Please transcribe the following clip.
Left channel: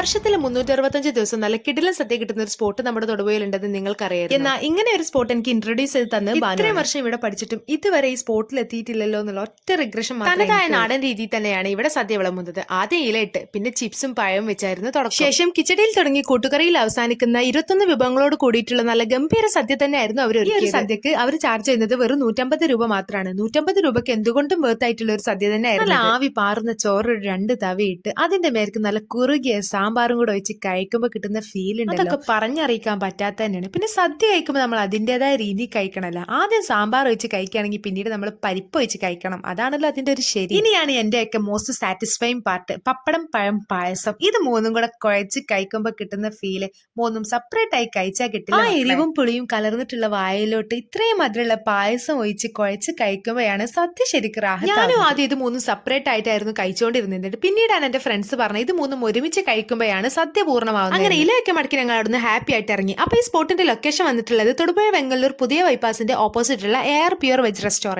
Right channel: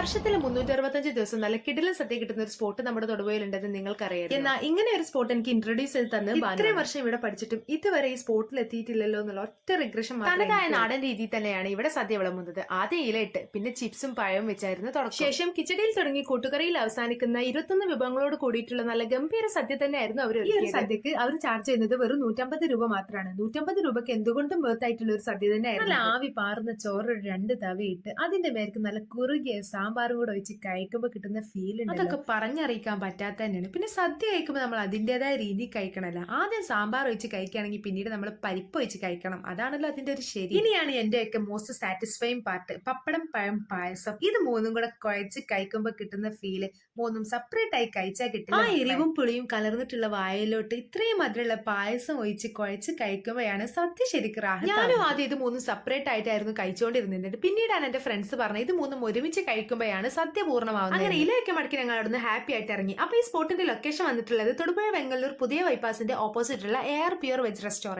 വർഷത്തിലെ 365 ദിവസം നല്ല കിടിലൻ സദ്യ കിട്ടുന്ന ഒരു സ്പോട്ട് നമ്മുടെ തൊടുപുഴയിലുണ്ടെന്ന് നിങ്ങൾക്കറിയാം. എന്നാൽ ഇങ്ങനെ ഒരു സ്പോട്ട് എനിക്ക് ഇൻട്രൊഡ്യൂസ് ചെയ്ത് തന്ന് ഇത്രയും വർഷം ഇവിടെ പഠിച്ചിട്ടും ഇതുവരെ ഈ സ്പോട്ടിൽ എത്തിയിട്ടില്ലല്ലോ എന്നുള്ള ഒറ്റ റിഗ്രഷൻ തനതായ നാടൻ രീതിയിൽ തന്നെയാണ് ഇവിടെ സദ്യ വിളമ്പുന്നത്. ആദ്യം ഇലയിട്ട് പിന്നെ ചിപ്സും പഴവും വെച്ചായിരുന്നു തുടക്കം. ശേഷം കിച്ചടിയിൽ തുടങ്ങി കൂട്ടുകറിയിൽ അവസാനിക്കുന്ന 21 വിഭവങ്ങളോട് കൂടിയിട്ടുള്ള നല്ല ഗംഭീര സദ്യ തന്നെയായിരുന്നു അവർ. ഈ ഒരു സദ്യക്ക് അവർ ചാർജ് ചെയ്യുന്നത് വെറും 150 രൂപ മാത്രമാണ്. 150 രൂപയ്ക്ക് എന്തുകൊണ്ടും വേർത്തായിട്ടുള്ള ഒരു സദ്യ തന്നെയായിരുന്നു. നല്ല ആവി പാറുന്ന ചോറ് 2 തവയിട്ട് അതിന്റെ മേർക്ക് നല്ല കുറുകിയ സാമ്പാറും കൂടെ വെച്ച് കഴിക്കുമ്പോൾ കിട്ടുന്ന ഫീൽ ഉണ്ട്. അതൊക്കെ പറഞ്ഞറിയിക്കാൻ പറ്റാത്ത തന്നെയാണ്. പിന്നെ സദ്യ കഴിക്കുമ്പോൾ നമ്മൾ അതിൻ്റെതായ രീതി കഴിക്കണമല്ലോ. ആദ്യം സാമ്പാർ വെച്ച് കഴിക്കുകയാണെങ്കിൽ പിന്നീട് നമ്മൾ പരിപ്പ് വെച്ച് കഴിക്കണം. അതാണല്ലോ അതിന്റെ ഒരു ശരി. ഇനിയാണ് എന്റെയൊക്കെ മോസ്റ്റ് സാറ്റിസ്ഫൈങ് പാർട്ട്, പപ്പടം പഴം പായസം. ഇത് മൂന്നും കൂടെ കുഴച്ച് കഴിക്കുമ്പോൾ കിട്ടുന്ന ഫീല് മൂന്നും സെപ്പറേറ്റ് ആയി കഴിച്ചാൽ കിട്ടില്ല. ആ എരിവും പുളിയും കലർന്നിട്ടുള്ള വായിലോട്ട് ഇത്രയും മധുരമുള്ള പായസം ഒഴിച്ച് കുഴച്ച് കഴിക്കുമ്പോഴാണ് സദ്യ ശരിക്കും റാഹത്ത്. ഞാനും ആദ്യം ഇത് മൂന്നും സെപ്പറേറ്റ് ആയിട്ടായിരുന്നു കഴിച്ചുകൊണ്ടിരുന്നത്. പിന്നീടാണ് എന്റെ ഫ്രണ്ട്സ് പറഞ്ഞത് ഇത് മൂന്നും ഒരുമിച്ച് കഴിക്കുമ്പോഴാണ് സദ്യ പൂർണ്ണമാവുന്നത്. അങ്ങനെ ഇലയൊക്കെ മടക്കി ഞങ്ങൾ അവിടുന്ന് ഹാപ്പി ആയിട്ട് ഇറങ്ങി. അപ്പൊ ഈ സ്പോട്ടിന്റെ ലൊക്കേഷൻ വന്നിട്ടുള്ളത് തൊടുപുഴ വെങ്ങല്ലൂർ പുതിയ ബൈപ്പാസിന്റെ ഓപ്പോസിറ്റുള്ള എയർ പ്യൂർ വെജ് റെസ്റ്റോറന്റ്.